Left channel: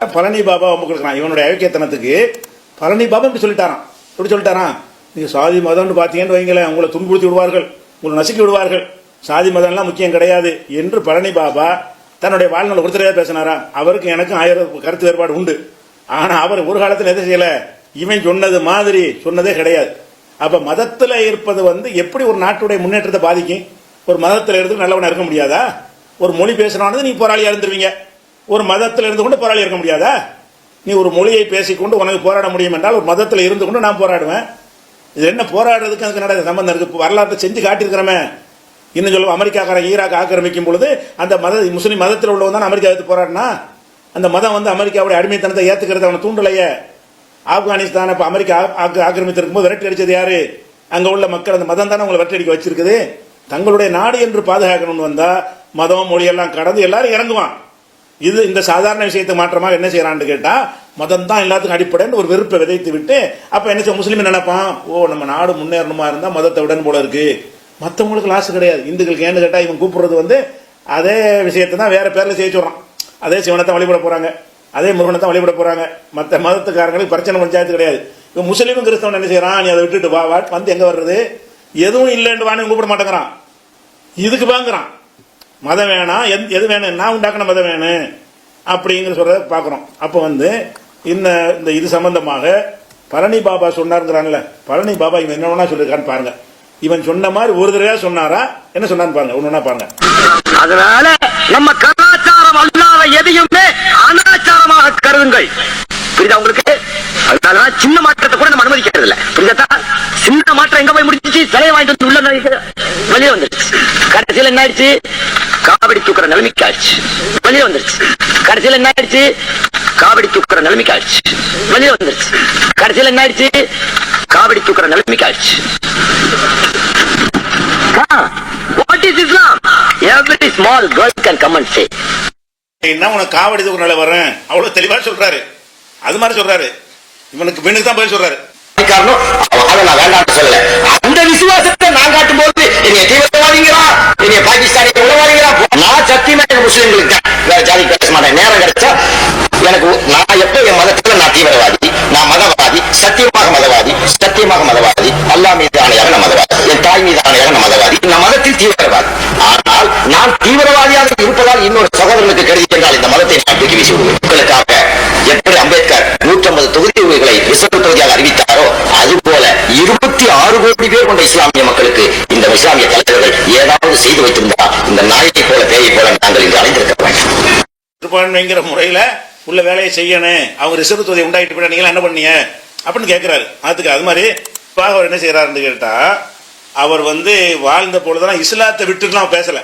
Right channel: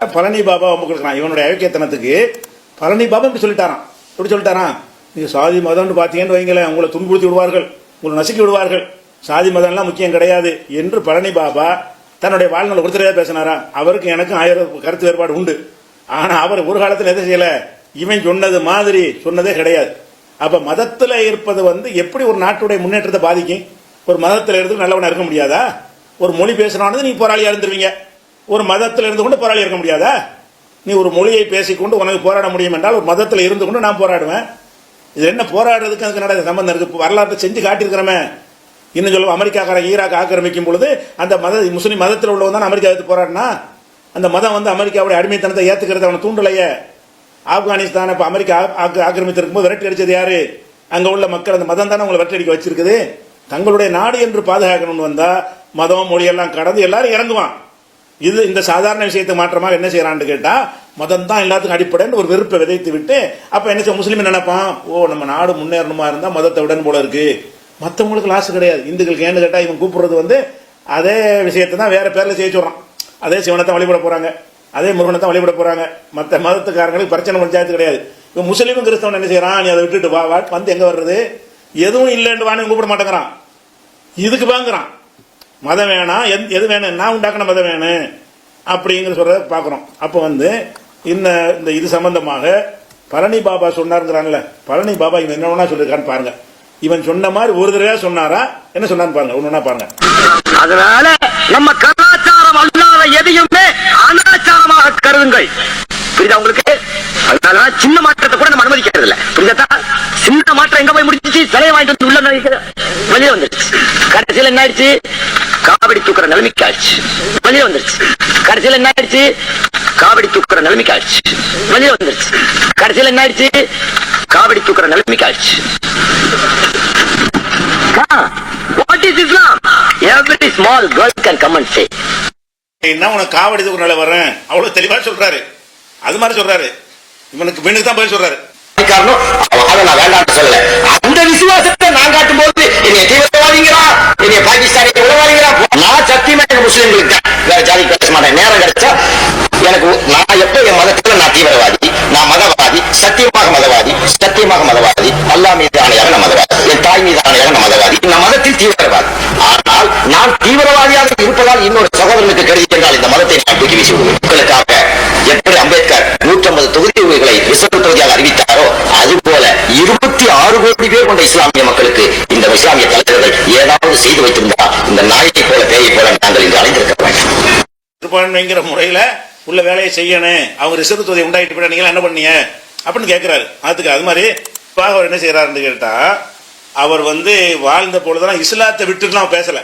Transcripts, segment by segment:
பழனி பாபா ஒம்பு கொடுக்குறான். இவனுடைய ஐக்கியத்தனத்துக்கு பழனி பாபா இப்படி சொல்லிட்டாராம். இப்படி சொல்லிட்டானா இது சாதி மதம்னு பார்த்தீங்கன்னு வைங்களேன். உங்களை துன்புறுத்தி விடுவார்கள். உங்களை நசுக்கி விடுவார்கள். சாதி மதம்லாம் முக்கியம் கிடையாது என்று பழனி பாபா தன்னுடைய வாழ்நாள் ஒருத்தரையா பேசினாரா? அவருக்கு எனக்கு ஆயிரம் கருத்து ஏற்பாடு உண்டு. ஆனா அவர் ஒரு காலத்துல எதை செய்யல. இவன் சொன்னது மாதிரி சொன்னதே கிடையாது. அப்ப மதத்துல இருப்பது வந்து எப்படி ஒரு நாட்டுடைய முன்னேற்றத்தை பாதிக்கும்? ஒரு மதத்துல இருந்து நல்லவனா இருக்க முடியாதா? ஒரு மொழி பேசுறானது நீ போராளியா இருந்துருவீங்க ஒரு மதத்தில் இருந்து கொண்டு போராளியா இருக்க முடியாதா? நீ ஒரு மொழியை பேசிக்கொண்டு உனக்கு போராட முடியும் என்றால் ஒரு மதத்தில் இருந்து கொண்டு நான் போராடுவேன் இது என்ன போராடுறதுக்கு அதுக்கு நடந்த சம்பந்தம் இருக்கு. வரலாற்றை செஞ்சு காட்டியிருக்கிறோமே. இன்னும் சொல்லுவோம் அமெரிக்காக்காரன் ஈராக் ஆக்கிரமிக்கும் பொழுது அந்த மத முஸ்லீம் மதத்தில் உள்ளவன் தான் அமெரிக்கா எடுத்து போராடினா? அந்த மதம் வந்து அமெரிக்காவுடைய அடிமைத்தனத்தை ஏற்றுக்கிறது அவன் தூண்டலையே. ஆப்கானிஸ்தான் இப்போ அமெரிக்கா ஆக்கிரமித்திருக்கும் போது விரட்டி அடித்தது யாரு? அங்கே உள்ள மக்கள் அந்த மதம் தானே உங்களை விரட்டி அடிக்க வச்சிருக்குது? தங்களுடைய நாடு என்று பாதுகாக்கணும்னு வந்தால் மதம் மொழியெல்லாம் கடந்து எல்லாரும் இறங்குவாங்க. இது இந்த சாதாரண விஷயத்தை மாற்றமாக என்ன செய்யறான்னு கேட்டா மதம் தான் எல்லாத்துக்கும் அடிப்படைன்னு ஒரு வெறுப்பை விதைத்து விட்டு அப்ப என்ன செய்ய முஸ்லீம் நினைப்பான் ஓ நம்ம நாடு முன்னேறணுமா இருந்தா மதத்தை உடன் போல இருக்கு. மத்தவங்களுக்கு லாஸ் கிடையாது. இந்துக்களுக்கு ஏன்னு கேட்டா இவன் கூப்பிடுறது வந்து அதே விஷயத்தை தான் வேற பேர்ல செய்ய சொல்றான். அதே சிவனத்தை வழிபட போறாங்க. அதே முருகனத்தை வழிபட போறாங்க. மத்த மதத்துக்காரங்களுக்கு பிரச்சனை பஞ்சாயத்து கிடையாது. இப்ப முஸ்லீம் கிறிஸ்தவன் என்ன செய்யறான்? நீ அதை விட்டுட்டு வா வா வந்து எங்க வர்றது? எதுவும் இல்லைன்னு வாங்க கூப்பிட மாட்டேங்கிறான். இதுக்கு வாங்குறான். மதம் வேணாம் எது- எது வேணும்னா உண்டாக்கின மதம் வேணும் அப்படிங்கிற சொல்றத பாக்குறோம். அப்போ வந்து இன்ன இந்த இது சம்பந்தமாக பழனி பாபா சொன்னாருங்கிறான்ல பழனி பாபா இவன் என்ன வேணா சொல்லிருக்கான்னு பாருங்க. இவன் சொன்ன மாதிரி ஒரு தடவை சொன்னாரா? என்ன சொன்னான்னு பாருங்க ஒண்ணு பாருங்க. அதனால நம்ம கலாச்சாரம் அல்லாத எதையுமே அனாச்சாரமாக கருதுங்கள். புரியுதா உங்களுக்கு? அதனால சின்ன மாற்றத்தை கூட நம்ம அனுமதிக்கிறது இல்ல புரியுதா சின்ன மாற்றம் எங்க போய் முடிஞ்சிச்சு? சிலையை வாங்கிட்டு உள்ள வெளியே வந்துச்சு சில என்ன ஆயிடுச்சு? காவடி தூக்குற நிலைமைக்கு ஆயிடுச்சு. வெளியே வந்துச்சு? கடைசியில் என்ன ஆயிடுச்சு? காவடி தூக்குற நிலைமைக்கு ஆயிடுச்சு. வெளியே வந்துச்சு? காவடி தூக்குற நிலைமைக்கு ஆயிடுச்சு. உனக்கு காவடி தூக்குனால வரேன் அவ்வளவு தெளிவா சொல்றாரு. அது மாதிரி சொல்றாரு. இவனுக்கு பெண்ணுக்கு தான் பதில் சொல்றாரு. காரணம் நான் சொல்லல. அந்த எனக்கு நான் எப்ப என் மதத்துல நான் தீவிரவாதி? நான் மதவாதி சத்தியமாக மதவாதி சத்தியமாக மதவாதி அல்லா மீது ஆணையாக நான் மதவாதி என் தாய் மீது ஆணையாக நான் மதவாதி. நான் மதத்தில் தீவிரவாதி. ஆனால் நான் தீவிரவாதியாக இருப்பதால் இன்னொரு சகோதரனுக்கு கருதி என்றால் இந்த மதத்தை நான் தூக்கி வீசி விடுவேன். உங்களுக்காக எப்படி அம்பேத்கர் நூற்றம்பது தொகுதி உரிமைகளை ரிசர்வ் தொகுதியாக அறிவித்தாரோ அதுபோல இருபத்தி ஆறு கோடி பேர் கொண்ட இஸ்லாமிய மக்களுக்கு இந்த இஸ்லாமிய தலைவர்கள் ஏதாவது செய்து வைத்திருந்தார் இந்த நாயகை போல பேயை போல முறையில உள்ள வேலையை செய்யணும். அவங்க ரிசர்வ் தொகுதி உண்டாயிட்டு போய் நீங்க என்ன பண்ணீங்க? அப்படின்னு கேட்கிறாரு அதுக்கு அது மாதிரி இப்ப அவர் என்ன செய்யறாருன்னு கேட்டா அவர் வந்து வாழ்ந்த பொழுதெல்லாம் இஸ்லாத்தை விட்டு அவர் பேசல.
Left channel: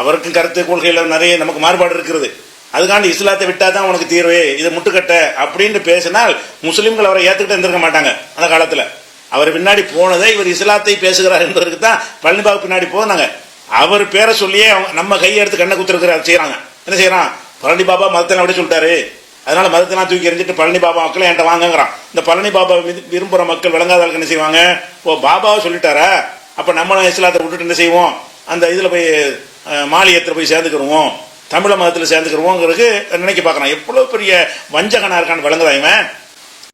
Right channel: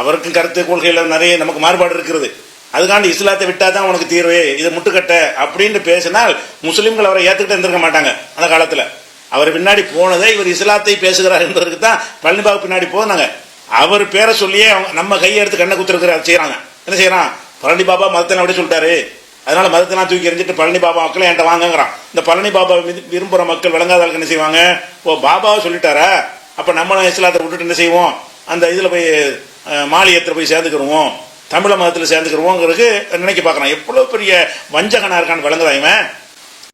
அவருக்கும் கருத்து கொள்கையில நிறைய நமக்கு மாறுபாடு இருக்கிறது. அதுக்காண்டி இஸ்லாத்தை விட்டா தான் உனக்கு தீர்வு. இதை முட்டுக்கட்டை அப்படின்னு பேசினால் முஸ்லீம்கள் அவரை ஏற்றுக்கிட்டு இருந்திருக்க மாட்டாங்க அந்த காலத்துல. அவர் பின்னாடி போனதே இவர் இஸ்லாத்தை பேசுகிறார் என்பதற்கு தான் பழனிபாபு பின்னாடி போனாங்க. அவர் பேரை சொல்லியே அவங்க நம்ம கையை எடுத்து கண்ணை குத்துருக்கிற செய்யறாங்க என்ன செய்யறான்? பழனி பாபா மதத்தை அப்படி சொல்லிட்டாரு. அதனால மதத்தெல்லாம் தூக்கி எறிஞ்சிட்டு பழனி பாபா மக்களை என்கிட்ட வாங்கங்கிறான். இந்த பழனி பாபா விரு- விரும்புற மக்கள் விளங்காதவர்களுக்கு என்ன செய்வாங்க? ஓ பாபாவை சொல்லிட்டாரா? அப்ப நம்ம இஸ்லாத்தை விட்டுட்டு என்ன செய்வோம்? அந்த இதுல போய் மாலி மாலியத்துல போய் சேர்ந்துக்கிடுவோம் தமிழ மதத்தில் சேர்ந்துக்கிடுவோங்கிறது நினைக்க பார்க்கறான் எவ்வளவு பெரிய வஞ்சகனா இருக்கான்னு விளங்குறாங்க